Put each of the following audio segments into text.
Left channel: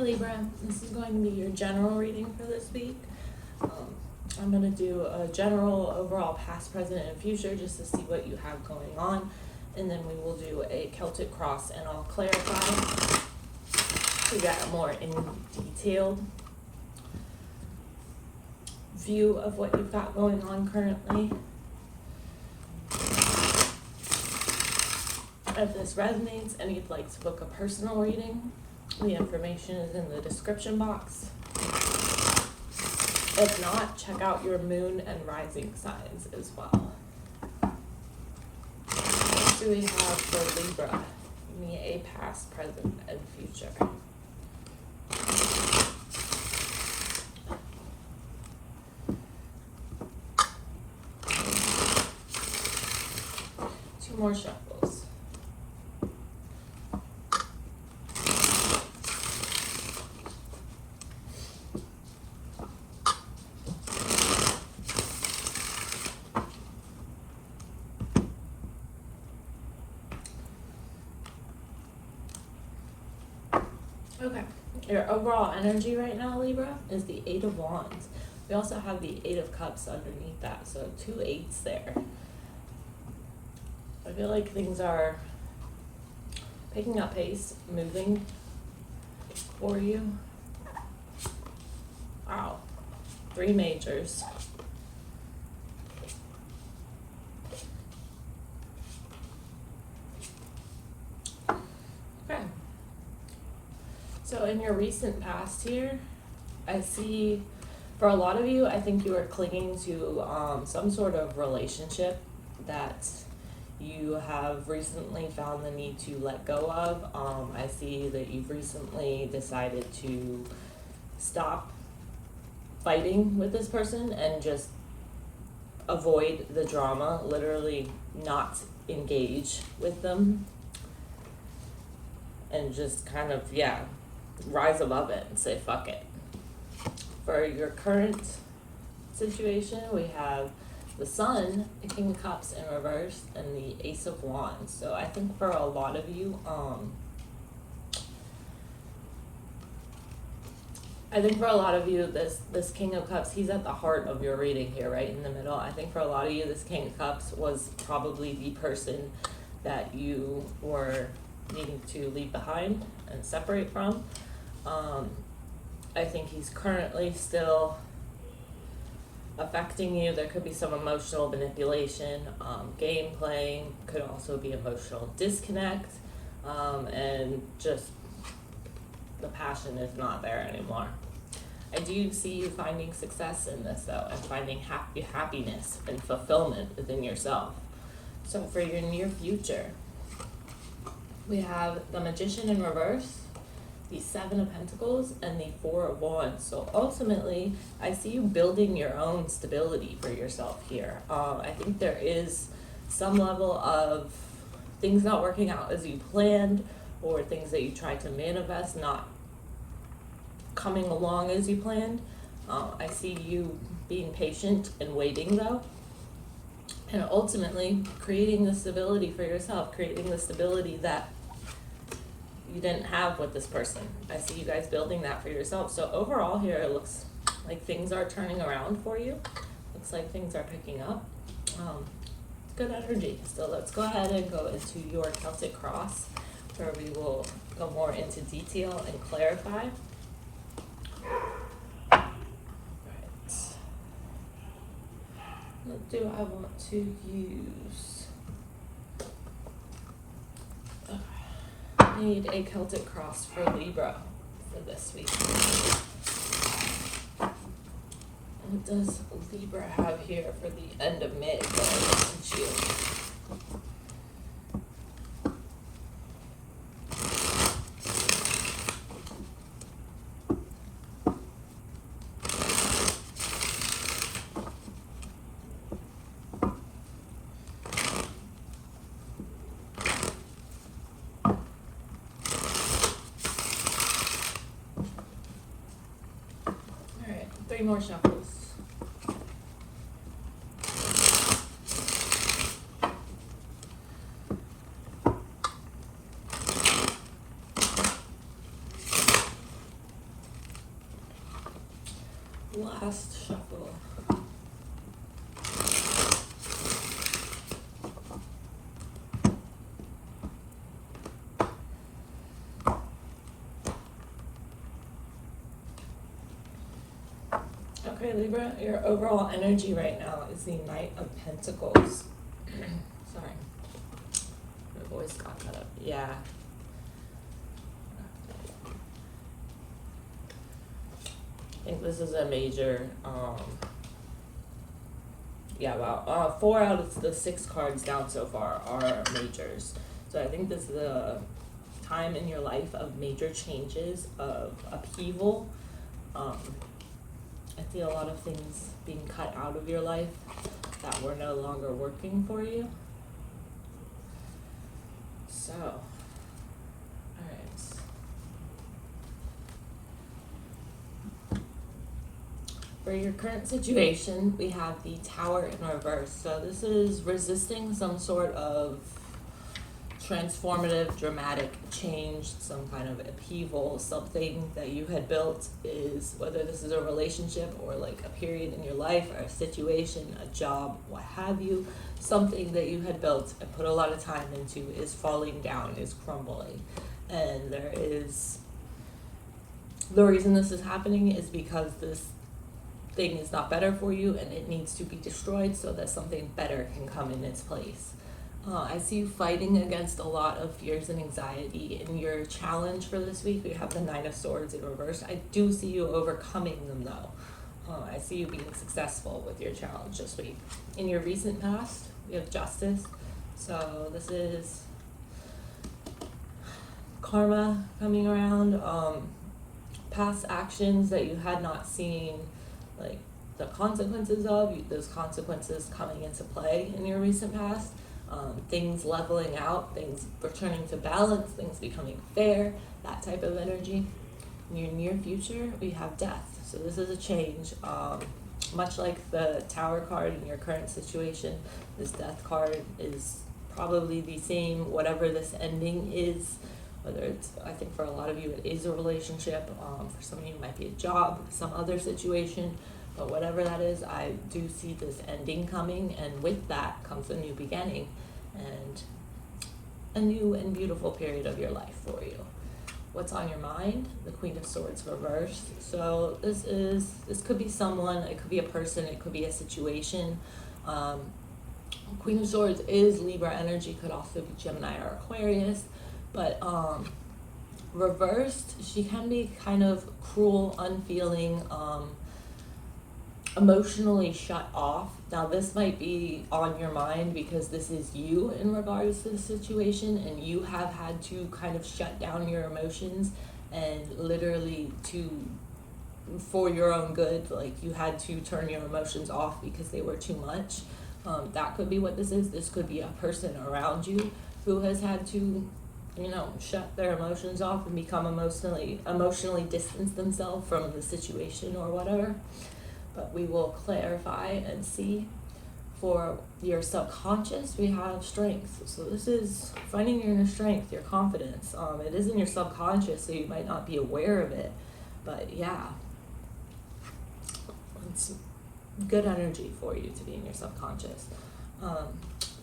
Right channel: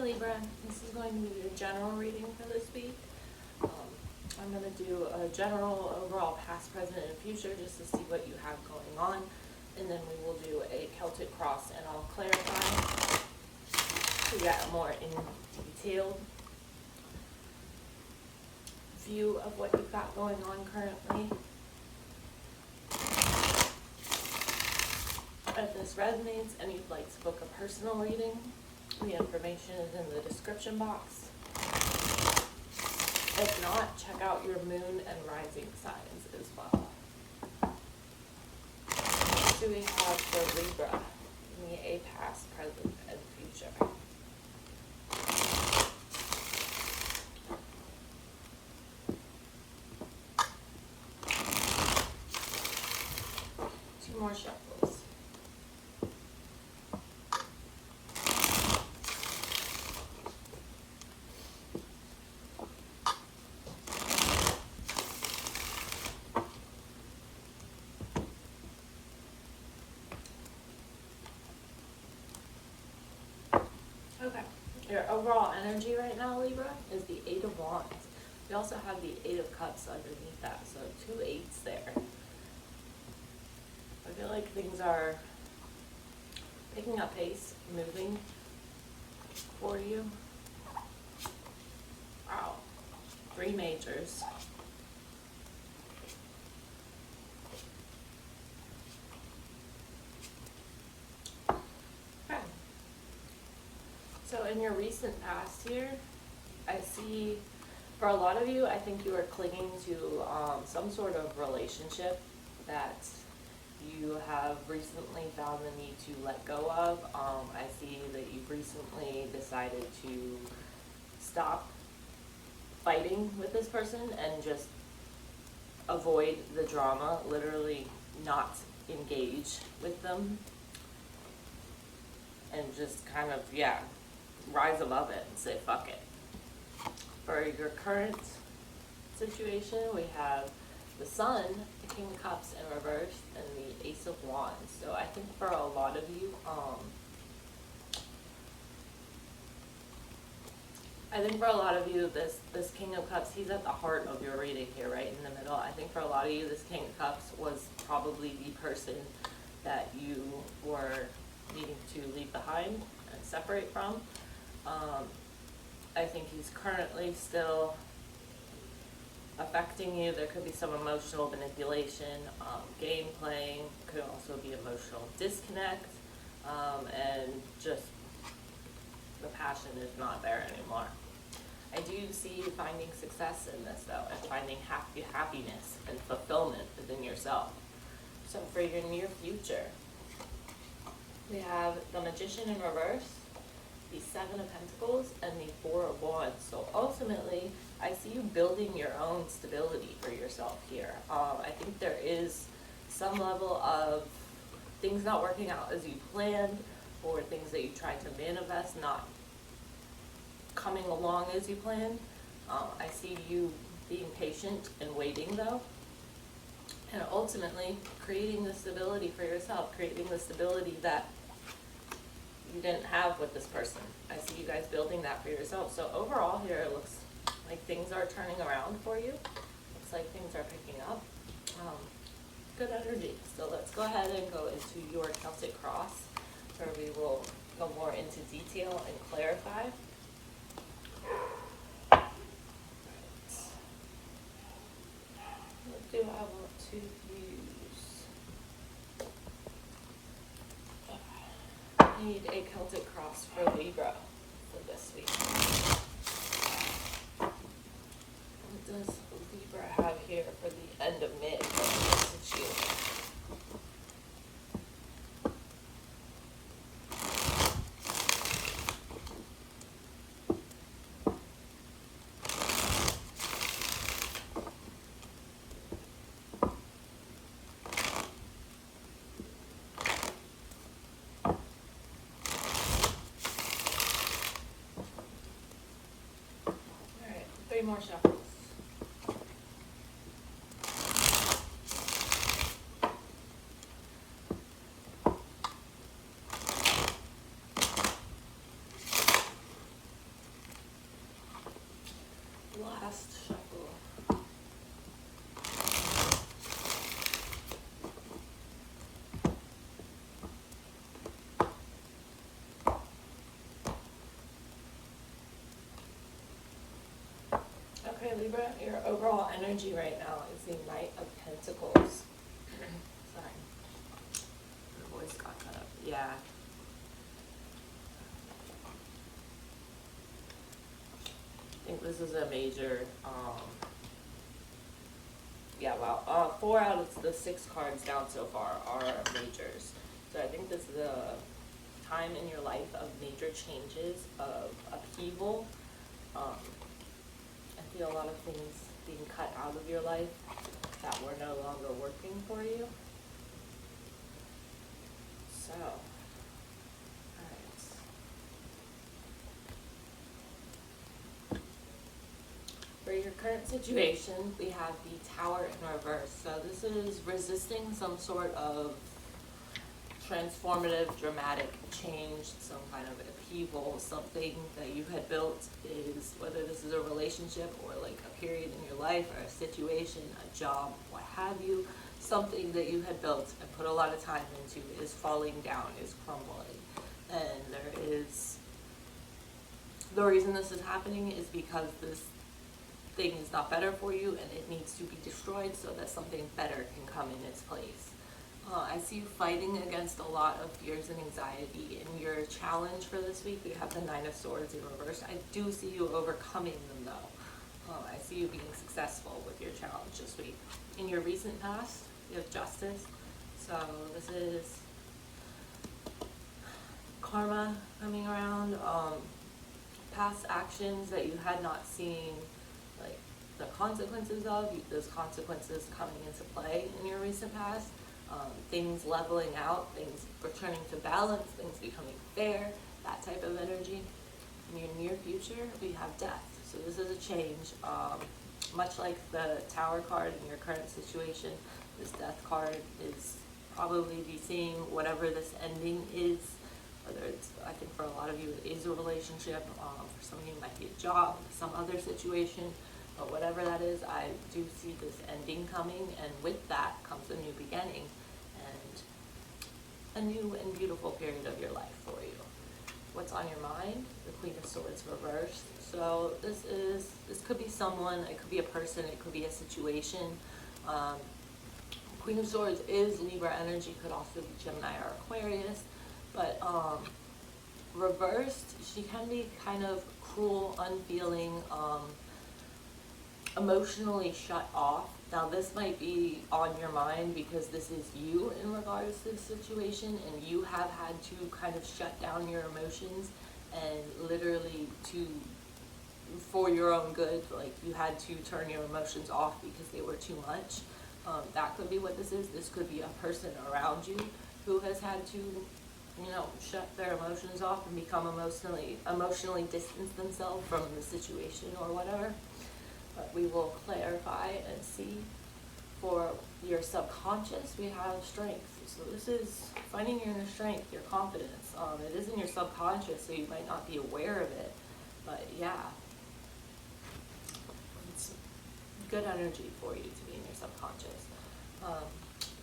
Hi Libra, this is going to be your general reading for this week. I'm going to do a general overall past, present, and future just to see what you have going on. And then we will do a Celtic cross and I'll clarify so you got a more in detailed view of what you've got going on currently. If this resonates and you'd like to book a personal reading, the information is in the description box. If not, check out your moon and rising signs as well. What do we have for Libra? Give me a past, present, and future. Two more shuffles. Okay, your overall energy right now, Libra, is the Eight of Wands. We also have the Eight of Cups underneath that, so 2 8s there. I feel like things are picking up pace, moving for you. Wow, 3 majors. Okay. So in your recent past here, I see for a lot of you, I think you are clinging to some sort of relationship that you have recently found the need to let go of. I see that you've recently decided to stop fighting with this person and just avoid the drama, literally not engage with them and just kind of, rise above it and say fuck it. For your current situation, we have the Sun, the King of Cups in reverse, and the Ace of Wands. So I think for a lot of you, this King of Cups, he's at the heart of your reading here, right in the middle. I think for a lot of you, this King of Cups was probably the person that you were needing to leave behind and separate from. I think he's currently still affecting you. There could be some emotional manipulation, game playing, could also be emotional disconnect, and just the passion is not there anymore. I do see you finding success in this though, and finding happiness and fulfillment within yourself. So for your near future, we have the Magician in reverse, the Seven of Pentacles, and the Four of Wands. So ultimately, I see you building your own stability for yourself here. I think there is some level of things not working out as you planned, or things that you tried to manifest not coming along as you planned. I see you being patient and waiting though, and ultimately creating the stability for yourself, creating the stability that you didn't have with this person. I see you guys building that for yourself. So overall here, it looks like things are turning around for you. Looks like things are picking up. Good energy. So let's go ahead and go into your Celtic cross, where we will go more into detail and clarify. Right. What do I want to use? I need a Celtic cross for Libra for this week. What does Libra have here for the end of May for June? Three more shuffles. last shuffle. Okay, Libra, your overall energy right now is the Knight of Pentacles. Sorry, my voice got cut up. Yeah. I think this is a major, yeah, wow. 4 out of the 6 cards down so far are majors. So I think this is a time in your life of major changes, of upheaval. I see a lot of things being cut out of your life that were no longer working for you. So, alright. For your current situation, we have the Tower in reverse. So this is resisting some sort of transformative, dramatic change, some kind of upheaval, something that you had built is, whether this is a relationship or like a period in your life or a situation, a job, what have you, something that you had built and put a lot of time into is falling down, is crumbling. And there is, the reason this is happening is because this thing is not better for you and it needs to be destroyed so that something better can come in its place. I see you fighting against a lot of fears and anxiety. In your challenge for this week, we have the 9 of Swords in reverse. I do see you overcoming them though. I see you being successful with your challenge this week. In your recent past, we have Justice. So this is karma coming around, past actions that you had not seen, like the consequences of, those consequences coming into play in your recent past. Things leveling out, things returning to balance, things becoming fair, that type of energy. In your near future, we have Death. So this is a change. Much like the Tower card in your current situation, this Death card is probably the same, whatever this ending is. Whether it's, I think for a lot of you it is a relationship, for some of you it might be a job, some other situation. But whatever that is, I do see this ending coming, and with that comes a new beginning and a new and beautiful period of your life for you. What's on your mind? The Queen of Swords reversed. So this could be someone, it could be a person, it could be a situation. Queen of Swords is Libra energy, could also be Gemini or Aquarius, but reversed, she can be kind of cruel, unfeeling, emotionally shut off. Now this might be on your mind because this is you in regards to the situation, and you have had to kind of shut down your emotions and literally for your own good, like you had to turn your emotions off because they were too much. That could be what this is. This could be a person around you who has had to, shut their emotions off and become emotionally distance themselves from the situation or whatever. But we will clarify and see. For your subconscious, we have strength. So this is finding your inner strength, your confidence. It is in your subconscious, so you might not be aware of it. But yeah, it's good energy for you to be in your subconscious.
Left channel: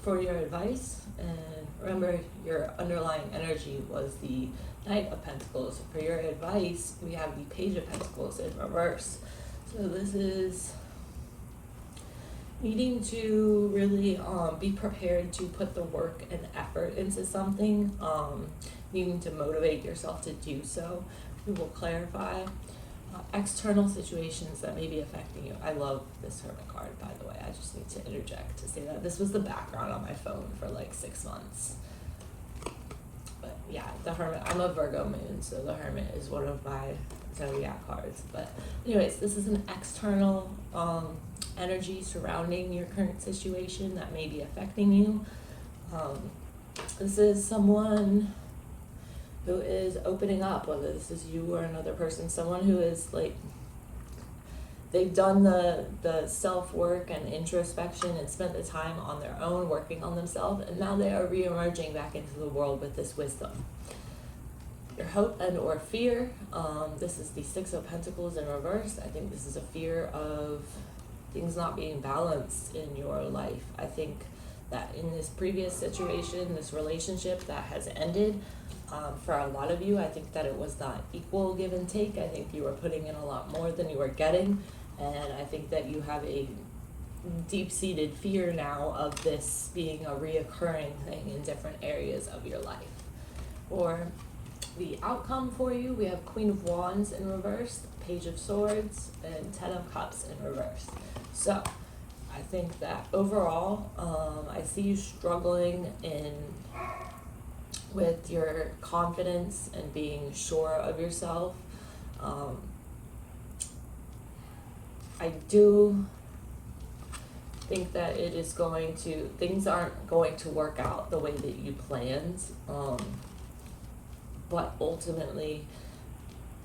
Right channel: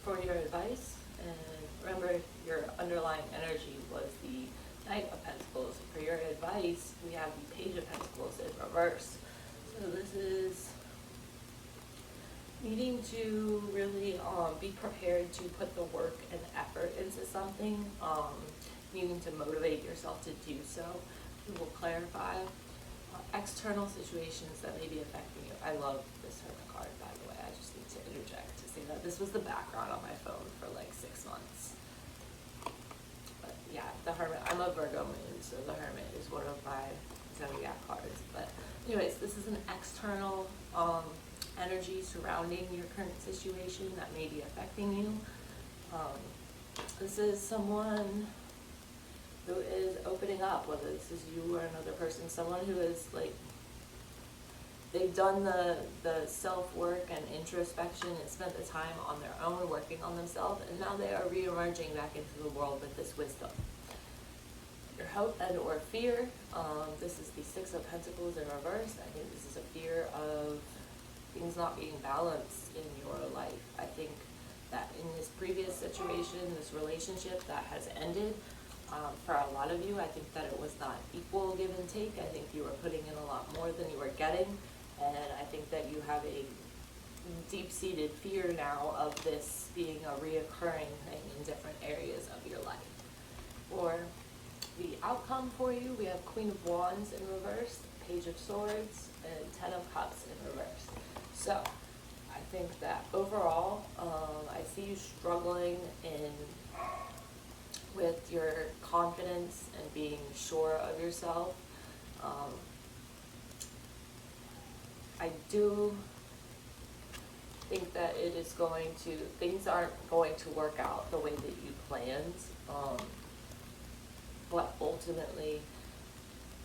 For your advice, and remember your underlying energy was the Knight of Pentacles. For your advice, we have the Page of Pentacles in reverse. So this is needing to really be prepared to put the work and effort into something, needing to motivate yourself to do so. We will clarify external situations that may be affecting you. I love this Hermit card, by the way. I just need to interject to say that this was the background on my phone for like 6 months. But yeah, the Hermit, I'm a Virgo moon, so the Hermit is one of my zodiac cards. But anyways, this is an external energy surrounding your current situation that may be affecting you. This is someone who is opening up, whether this is you or another person, someone who is like, they've done the self-work and introspection and spent the time on their own working on themselves, and now they are re-emerging back into the world with this wisdom. your hope and or fear. This is the Six of Pentacles in reverse. I think this is a fear of things not being balanced in your life. I think that in this previous situation, this relationship that has ended, for a lot of you, I think that it was not equal give and take. I think you were putting in a lot more than you were getting, and I think that you have a deep-seated fear now of this being a reoccurring thing in different areas of your life. For the outcome for you, we have Queen of Wands in reverse, Page of Swords, and Ten of Cups in reverse. So I think that overall, I see you struggling with your confidence and being sure of yourself. I do think that things aren't going to work out the way that you planned, but ultimately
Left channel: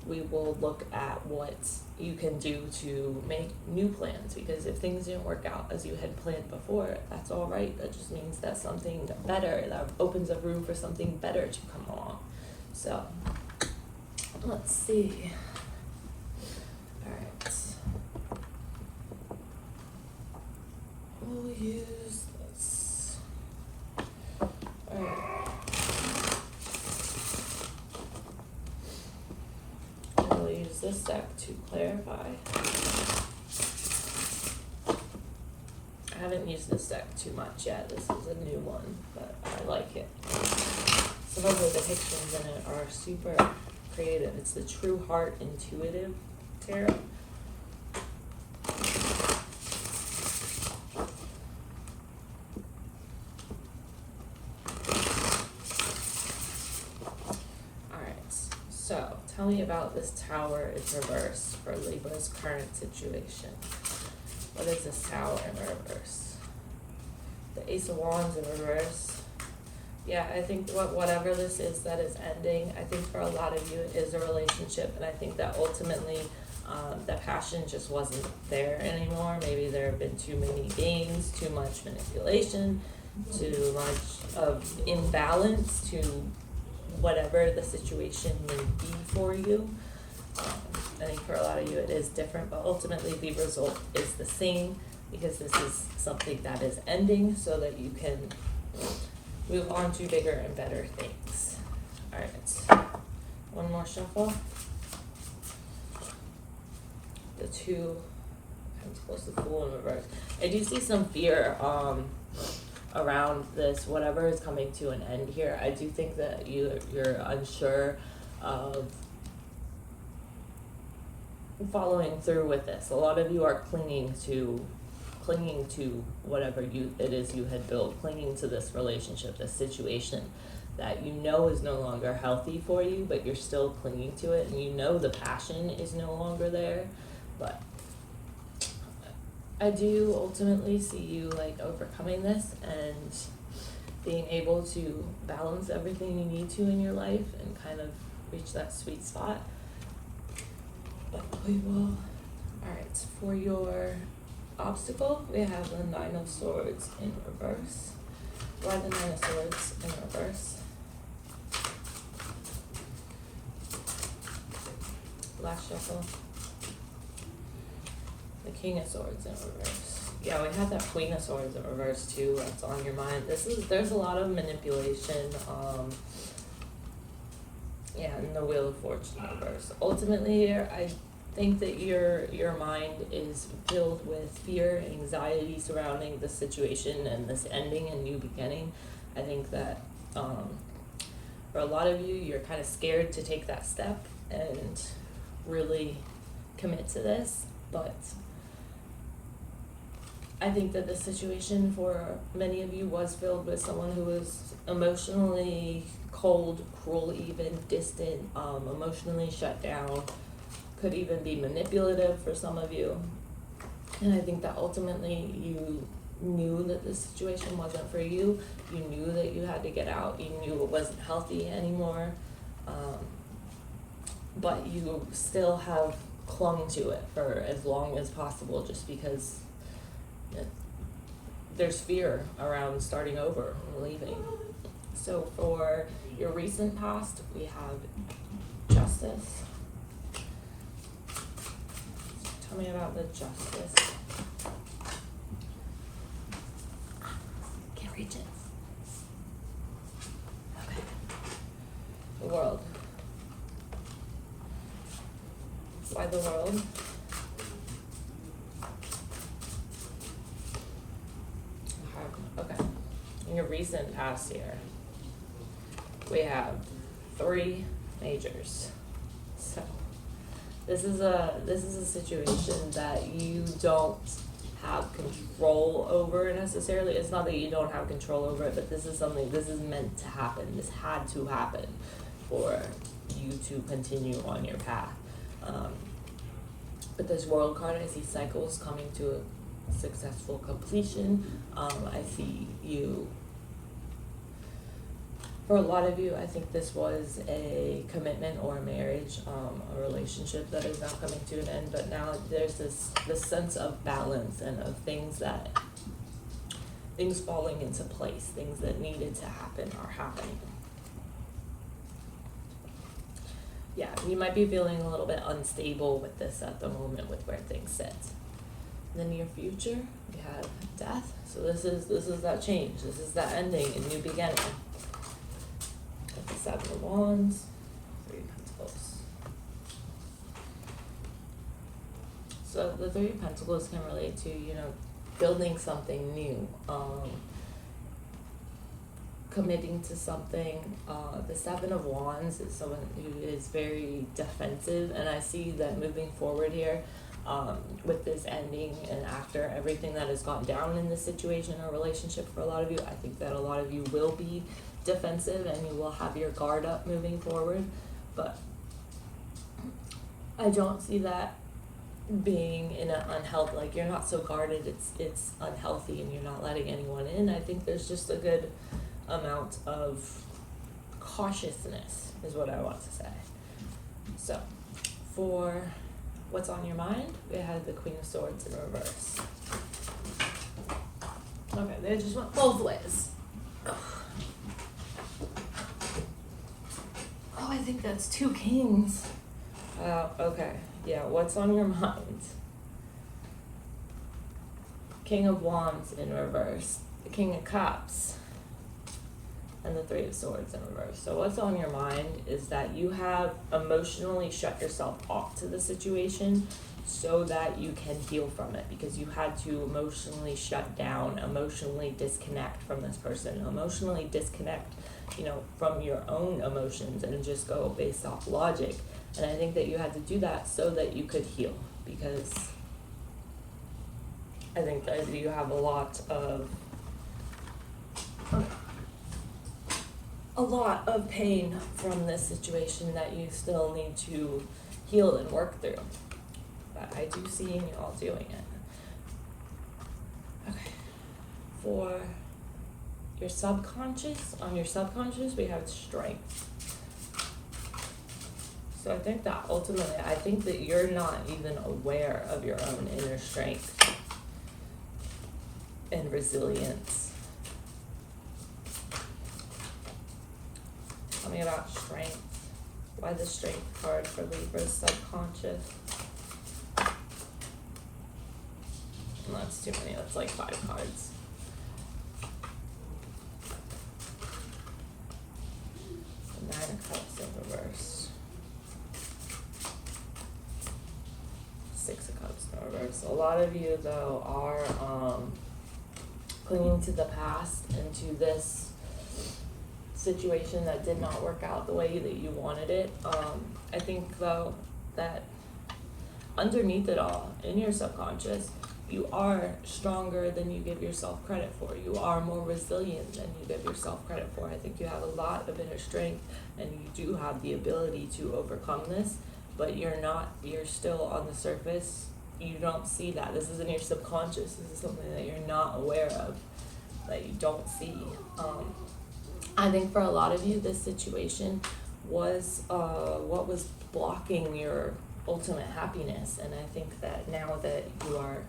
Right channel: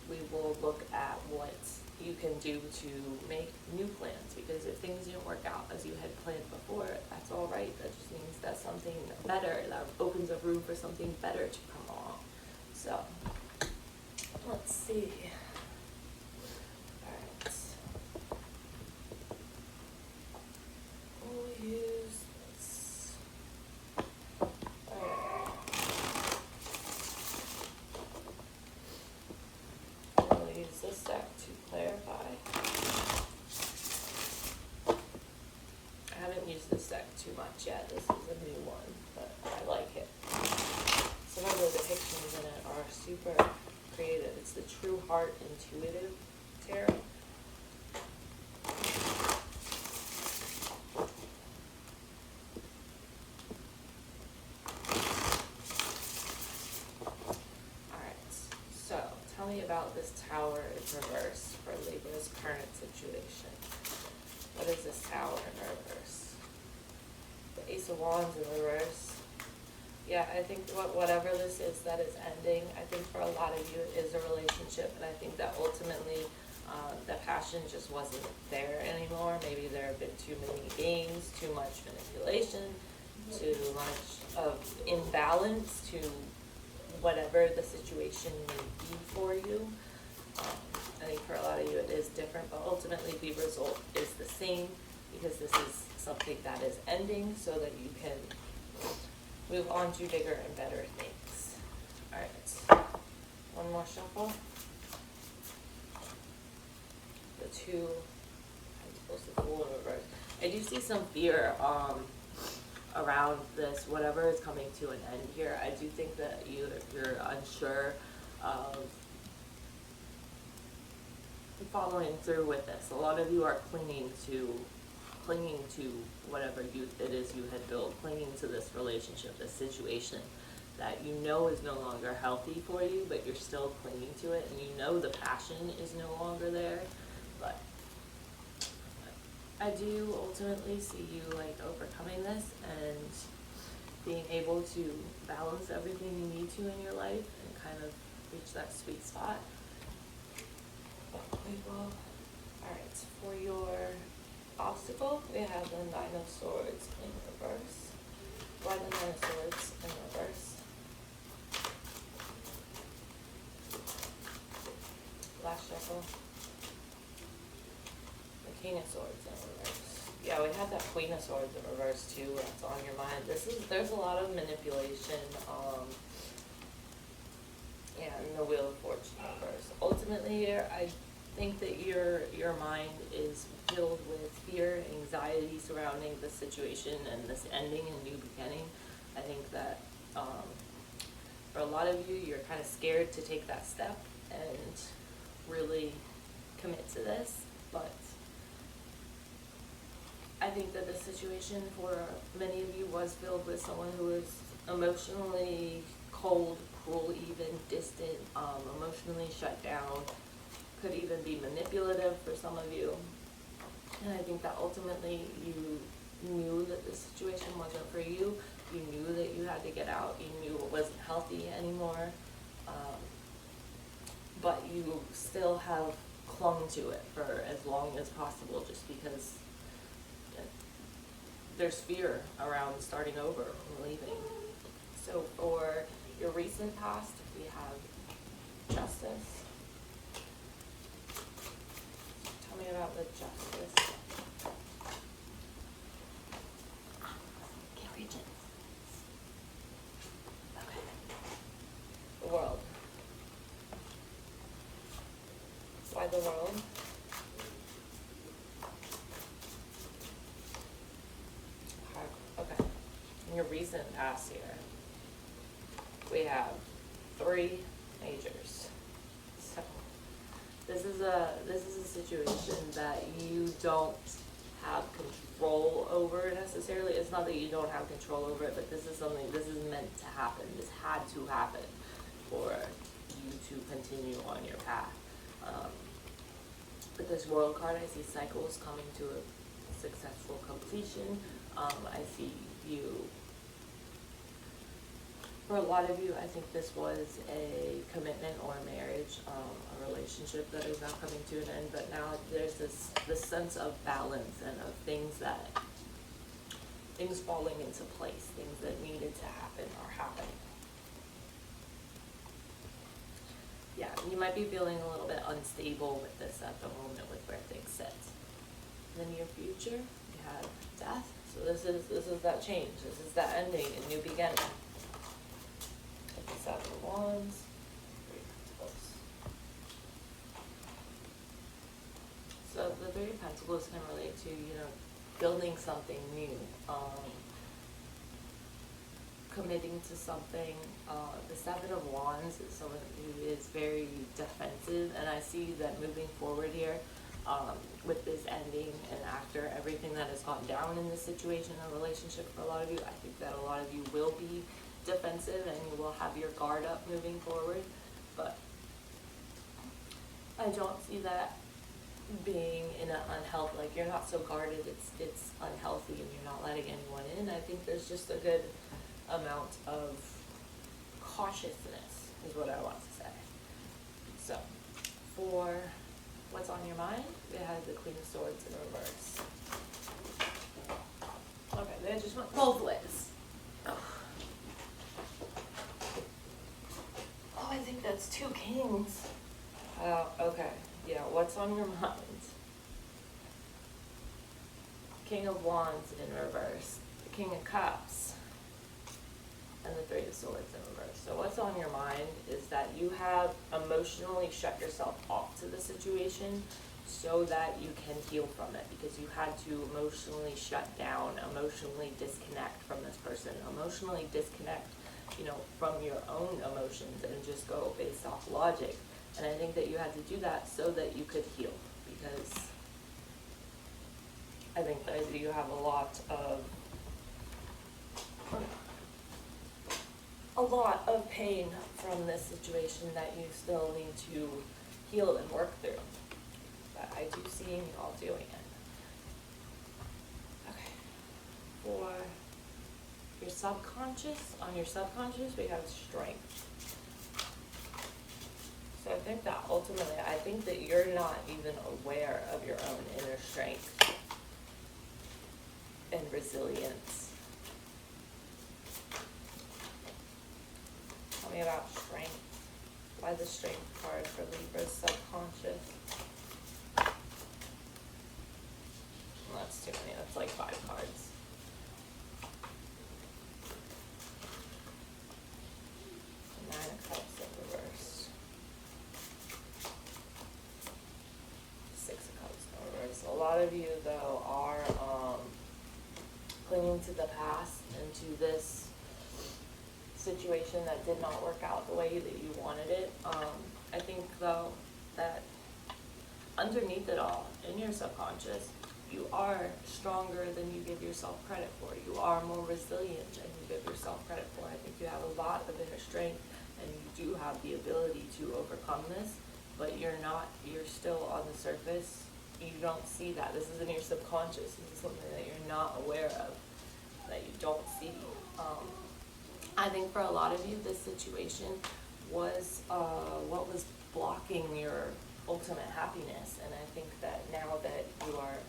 we will look at what you can do to make new plans, because if things didn't work out as you had planned before, that's all right. That just means that something better, that opens up room for something better to come along. So let's see. All right, we'll use this. All right. We'll use this deck to clarify. I haven't used this deck too much yet. This is a new one, but I like it. Some of the depictions in it are super creative. It's the True Heart Intuitive Tarot. Tell me about this Tower in reverse for Libra's current situation. What is this Tower in reverse? The Ace of Wands in reverse. Yeah, I think whatever this is that is ending, I think for a lot of you it is a relationship, and I think that ultimately the passion just wasn't there anymore. Maybe there have been too many games, too much manipulation, too much of imbalance to whatever the situation may be for you. I think for a lot of you it is different, but ultimately the result is the same, because this is something that is ending so that you can move on to bigger and better things. All right, one more shuffle. The Two, I'm supposed to Fool in reverse. I do see some fear around this, whatever is coming to an end here. I do think that you're unsure of following through with this. A lot of you are clinging to whatever it is you had built, clinging to this relationship, this situation that you know is no longer healthy for you, but you're still clinging to it, and you know the passion is no longer there. But I do ultimately see you like overcoming this and being able to balance everything you need to in your life and kind of reach that sweet spot. But we will. All right, for your obstacle, we have the Nine of Swords in reverse. Why the Nine of Swords in reverse? Last shuffle. The King of Swords in reverse. Yeah, we have that Queen of Swords in reverse too. That's on your mind. There's a lot of manipulation. Yeah, and the Wheel of Fortune in reverse. Ultimately, I think that your mind is filled with fear, anxiety surrounding the situation and this ending and new beginning. I think that for a lot of you, you're kind of scared to take that step and really commit to this, but I think that the situation for many of you was filled with someone who was emotionally cold, cruel, even distant, emotionally shut down, could even be manipulative for some of you. And I think that ultimately you knew that this situation wasn't for you. You knew that you had to get out. You knew it wasn't healthy anymore. But you still have clung to it for as long as possible, just because there's fear around starting over and leaving. So for your recent past, we have justice. Tell me about the justice. Can't reach it. Okay. The world. Why the world? Okay. In your recent past here, we have 3 majors. So this is a situation that you don't have control over necessarily. It's not that you don't have control over it, but this is meant to happen. This had to happen for you to continue on your path. With this world card, I see cycles coming to a successful completion. I see you, for a lot of you, I think this was a commitment or a marriage, a relationship that is now coming to an end, but now there's this sense of balance and of things falling into place, things that needed to happen are happening. Yeah, you might be feeling a little bit unstable with this at the moment with where things sit. In the near future, we have death. So this is that change. This is that ending, a new beginning. The 7 of Wands, 3 of Pentacles. So the 3 of Pentacles can relate to, building something new, committing to something. The 7 of Wands is someone who is very defensive, and I see that moving forward here, with this ending and after everything that has gone down in this situation or relationship for a lot of you, I think that a lot of you will be defensive and you will have your guard up moving forward, but I don't see that being in an unhealthy, like you're not so guarded it's unhealthy and you're not letting anyone in. I think there's just a good amount of cautiousness is what I want to say. So for what's on your mind, we have the Queen of Swords in reverse. Okay, they just went both ways. Oh, I think that's 2 kings. Okay, yeah, what's on your mind? King of Wands in reverse, the King of Cups, and the 3 of Swords in reverse. So what's on your mind is that you have emotionally shut yourself off to the situation so that you can heal from it, because you had to emotionally shut down, emotionally disconnect from this person, emotionally disconnect, from your own emotions and just go based off logic. And I think that you had to do that so that you could heal, because I think that you have a lot of pain from this situation that you still need to heal and work through. But I do see you all doing it. Okay. For your subconscious, on your subconscious, we have strength. So I think that ultimately, I think that you're not even aware of your own inner strength and resilience. Tell me about strength. Why the strength card for Libra's subconscious? Well, that's too many. That's like 5 cards. Nine of Cups in reverse. 6 of Cups in reverse. A lot of you, though, are clinging to the past and to this situation that did not work out the way that you wanted it. I think, though, that underneath it all, in your subconscious, you are stronger than you give yourself credit for. You are more resilient than you give yourself credit for. I think you have a lot of inner strength and you do have the ability to overcome this, but you're still on the surface. You don't see that. This is in your subconscious. This is something that you're not aware of, that you don't see. I think for a lot of you, this situation was what was blocking your ultimate happiness. And I think that now that you are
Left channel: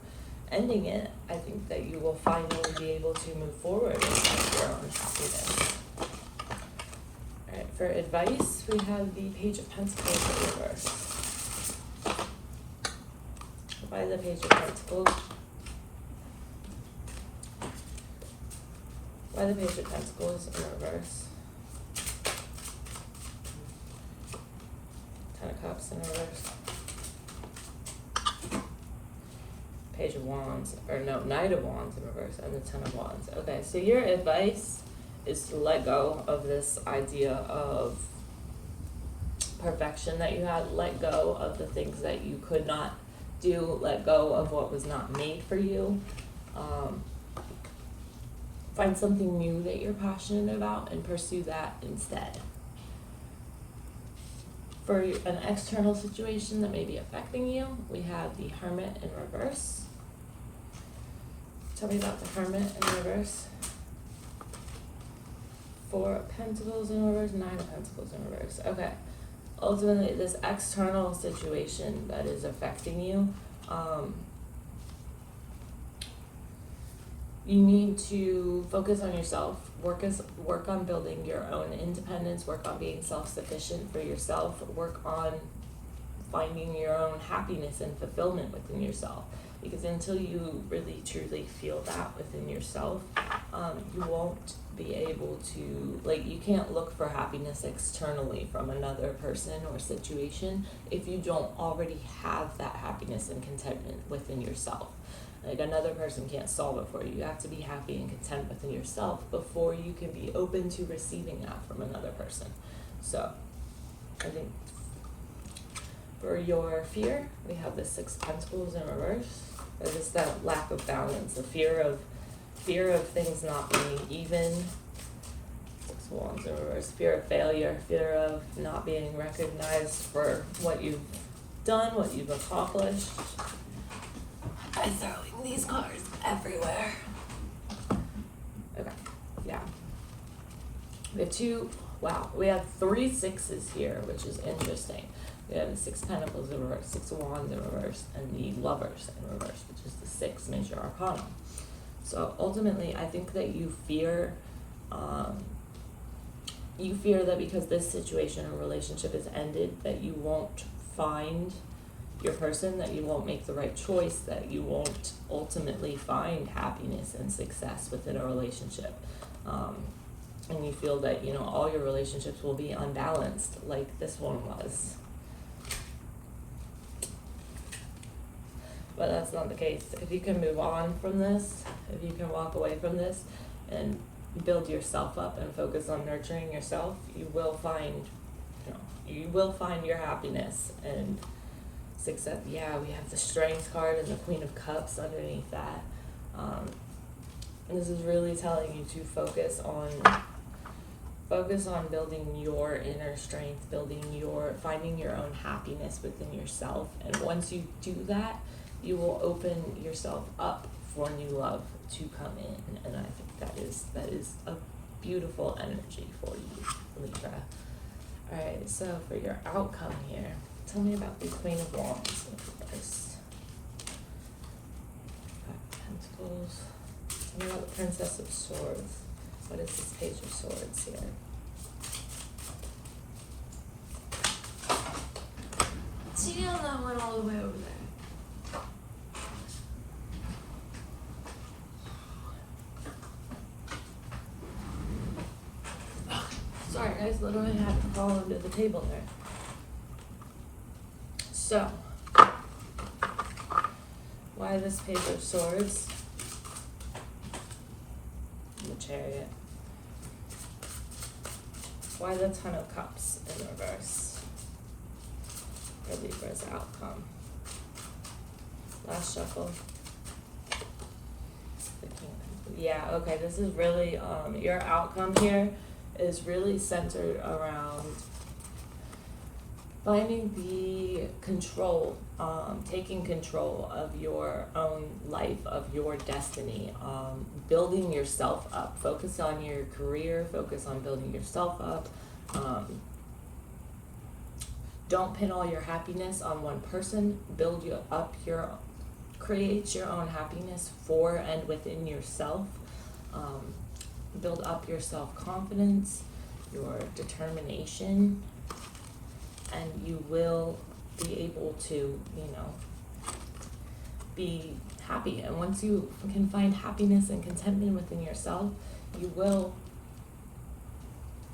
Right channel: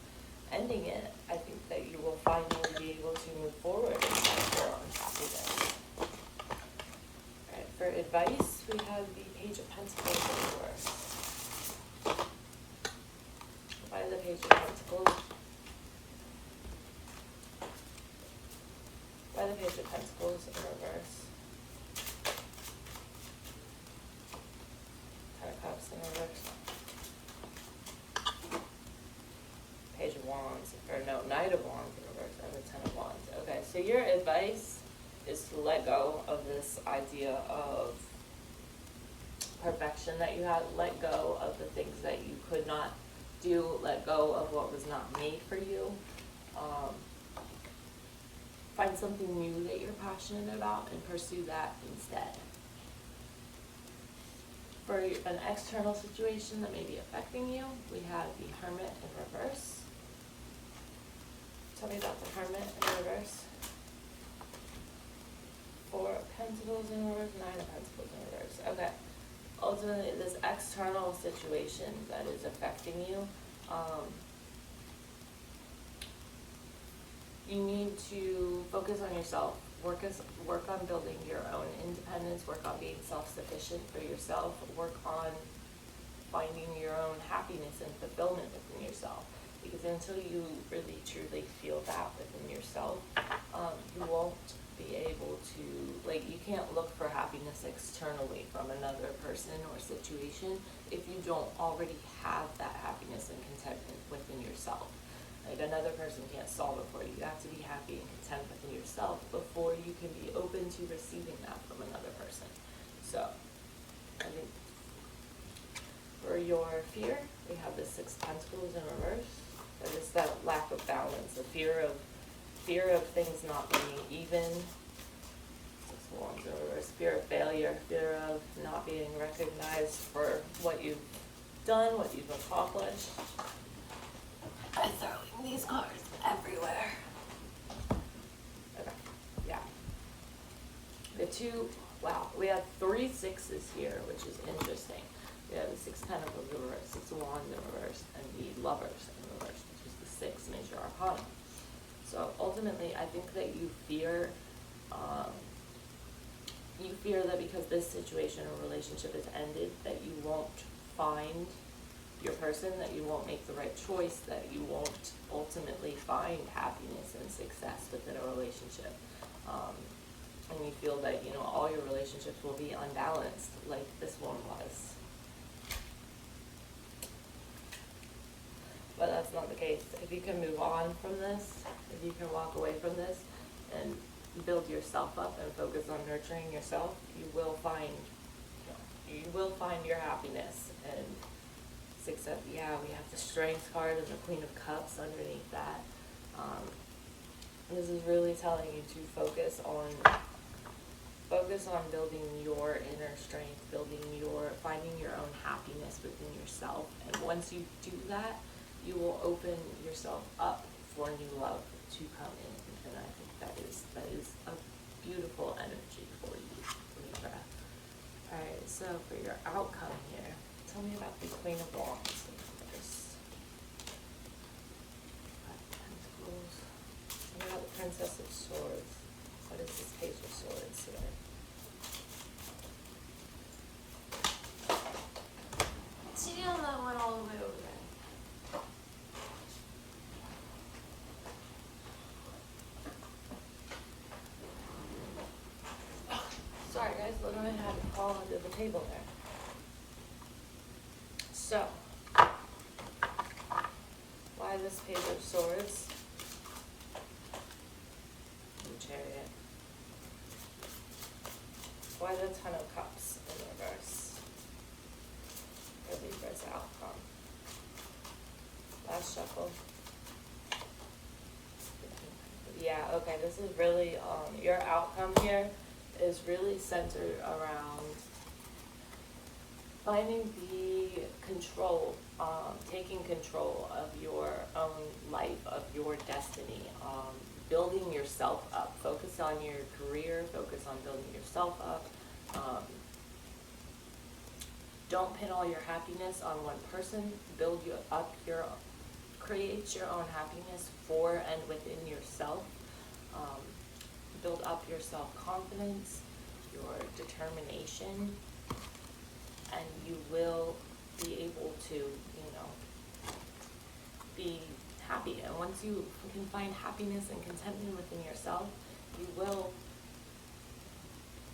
ending it, I think that you will finally be able to move forward with your own happiness. Alright, for advice, we have the Page of Pentacles in reverse. Why the Page of Pentacles? Why the Page of Pentacles in reverse? Ten of Cups in reverse. Page of Wands, or no, Knight of Wands in reverse, and the Ten of Wands. Okay, so your advice is to let go of this idea of perfection that you had. Let go of the things that you could not do. Let go of what was not made for you. Find something new that you're passionate about and pursue that instead. For an external situation that may be affecting you, we have the Hermit in reverse. Tell me about the Hermit in reverse. Four of Pentacles in reverse, Nine of Pentacles in reverse. Okay. Ultimately, this external situation that is affecting you, you need to focus on yourself, work on building your own independence, work on being self-sufficient for yourself, work on finding your own happiness and fulfillment within yourself. Because until you really truly feel that within yourself, you won't be able to, like, you can't look for happiness externally from another person or situation if you don't already have that happiness and contentment within yourself. Like, another person can't solve it for you. You have to be happy and content within yourself before you can be open to receiving that from another person. So, I think for your fear, we have the Six of Pentacles in reverse. There's just that lack of balance, the fear of things not being even. Six of Wands in reverse. Fear of failure, fear of not being recognized for what you've done, what you've accomplished. I'm throwing these cards everywhere. Okay, yeah. We have three sixes here, which is interesting. We have the Six of Pentacles in reverse, Six of Wands in reverse, and the Lovers in reverse, which is the sixth major arcana. So ultimately, I think that you fear that because this situation or relationship is ended, that you won't find your person, that you won't make the right choice, that you won't ultimately find happiness and success within a relationship. And you feel that, all your relationships will be unbalanced like this one was. But that's not the case. If you can move on from this, if you can walk away from this and build yourself up and focus on nurturing yourself, you will find your happiness and success. Yeah, we have the Strength card and the Queen of Cups underneath that. And this is really telling you to focus on building your inner strength, finding your own happiness within yourself. And once you do that, you will open yourself up for new love to come in. And I think that is a beautiful energy for you, Libra. Alright, so for your outcome here, tell me about the Queen of Wands in reverse. Pentacles. Tell me about the Princess of Swords. What is this Page of Swords here? See on that one all the way over there. Sorry guys, literally had to fall under the table there. So, why this Page of Swords? The Chariot. Why the Ten of Cups in reverse? For Libra's outcome. Last shuffle. Yeah, okay, this is really, your outcome here is really centered around finding the control, taking control of your own life, of your destiny, building yourself up. Focus on your career, focus on building yourself up. Don't pin all your happiness on one person. Create your own happiness for and within yourself. Build up your self-confidence, your determination, and you will be able to, you know, be happy. And once you can find happiness and contentment within yourself, you will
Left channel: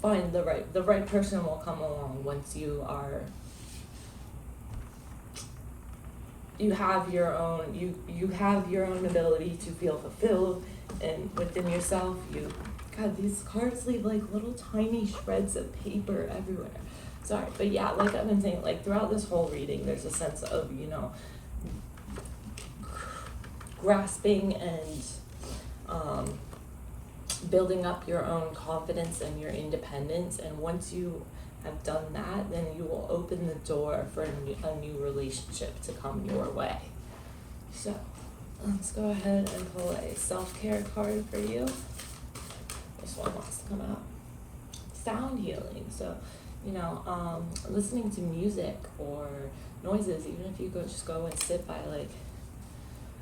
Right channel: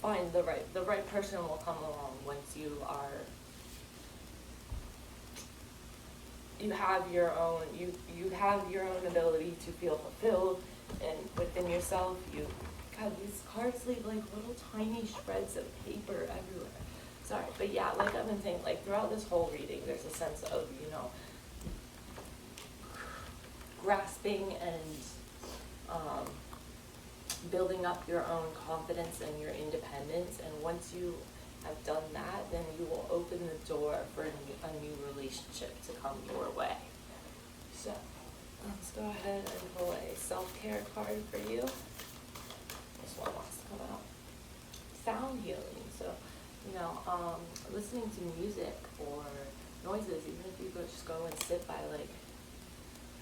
find the right person will come along once you are, you have your own, you have your own ability to feel fulfilled and within yourself. God, these cards leave like little tiny shreds of paper everywhere. Sorry, but yeah, like I've been saying, like throughout this whole reading, there's a sense of, you know, grasping and building up your own confidence and your independence. And once you have done that, then you will open the door for a new relationship to come your way. So let's go ahead and pull a self-care card for you. This one wants to come out. Sound healing. So, you know, listening to music or noises, even if you just go and sit by like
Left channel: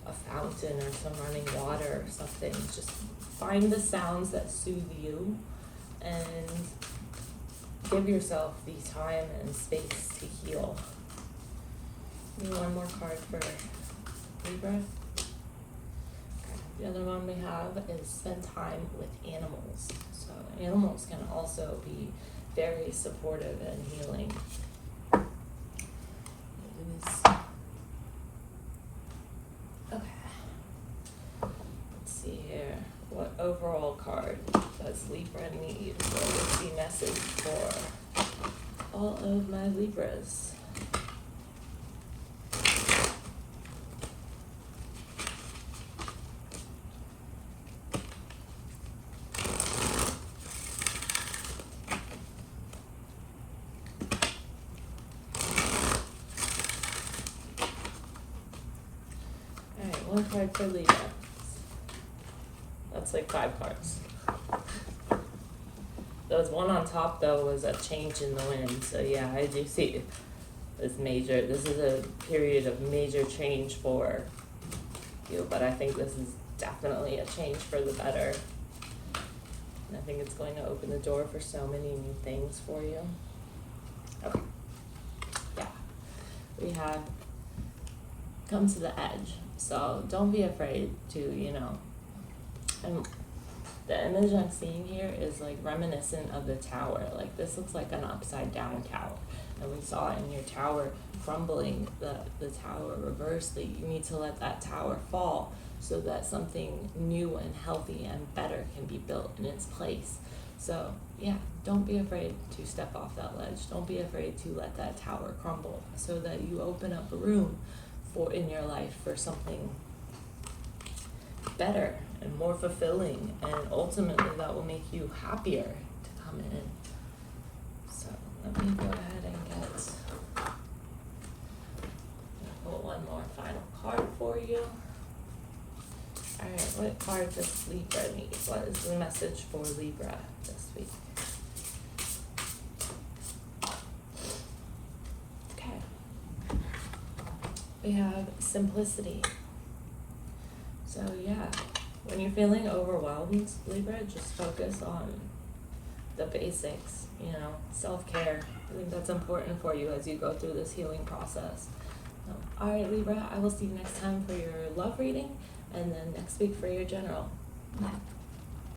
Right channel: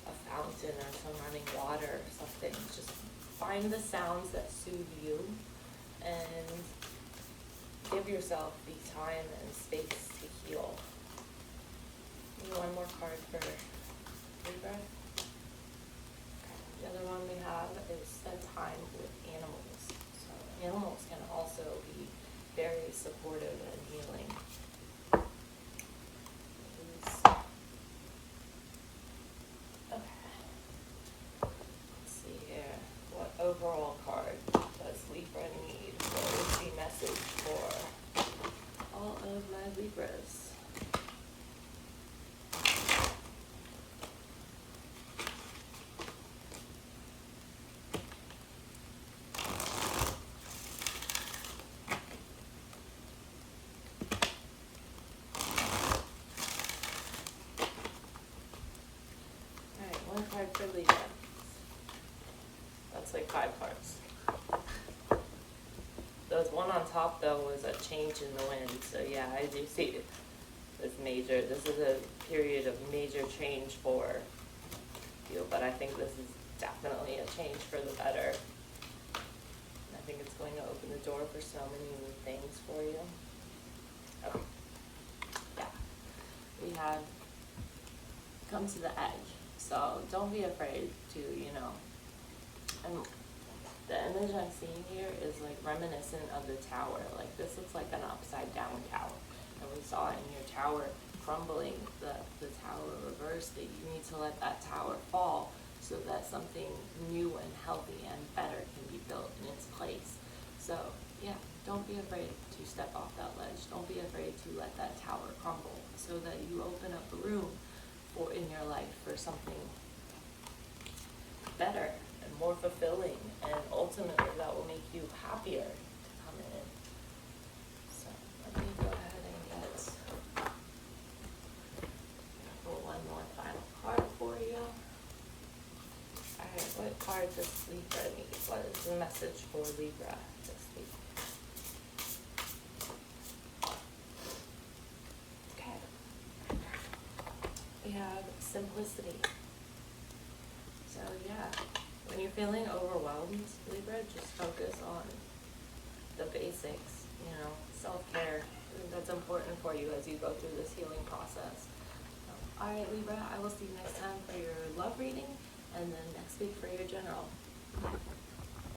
a fountain or some running water or something, just find the sounds that soothe you and give yourself the time and space to heal. Need one more card for Libra. The other one we have is spend time with animals. So animals can also be very supportive and healing. Let's see here. What overall card does Libra need? What is the message for all of my Libras? One card for Libra. That's like 5 cards. Those one on top though was a change in the wind. So yeah, I do see this major. This is a period of major change for you, but I think this is definitely a change for the better. And I think it's going to open the door for so many new things for you. Okay. Yeah. We had come to the edge. So don't be afraid to, you know, and the image I'm seeing here is like reminiscent of the tower. Like this looks like an upside down tower. And we saw in your tower crumbling, the tower reversed, that you need to let that tower fall so that something new and healthy and better can be built in its place. So yeah, don't be afraid to step off that ledge. Don't be afraid to let that tower crumble so that you open up a room in your life for something better and more fulfilling, and ultimately that will make you happier to come in. So let me go ahead and pull one more final card for you. Alright, what card does Libra need? What is the message for Libra this week? We have simplicity. So yeah, when you're feeling overwhelmed, Libra, just focus on the basics, you know, self-care. I think that's important for you as you go through this healing process. All right, Libra, I will see you next time for your love reading, and then next week for your general.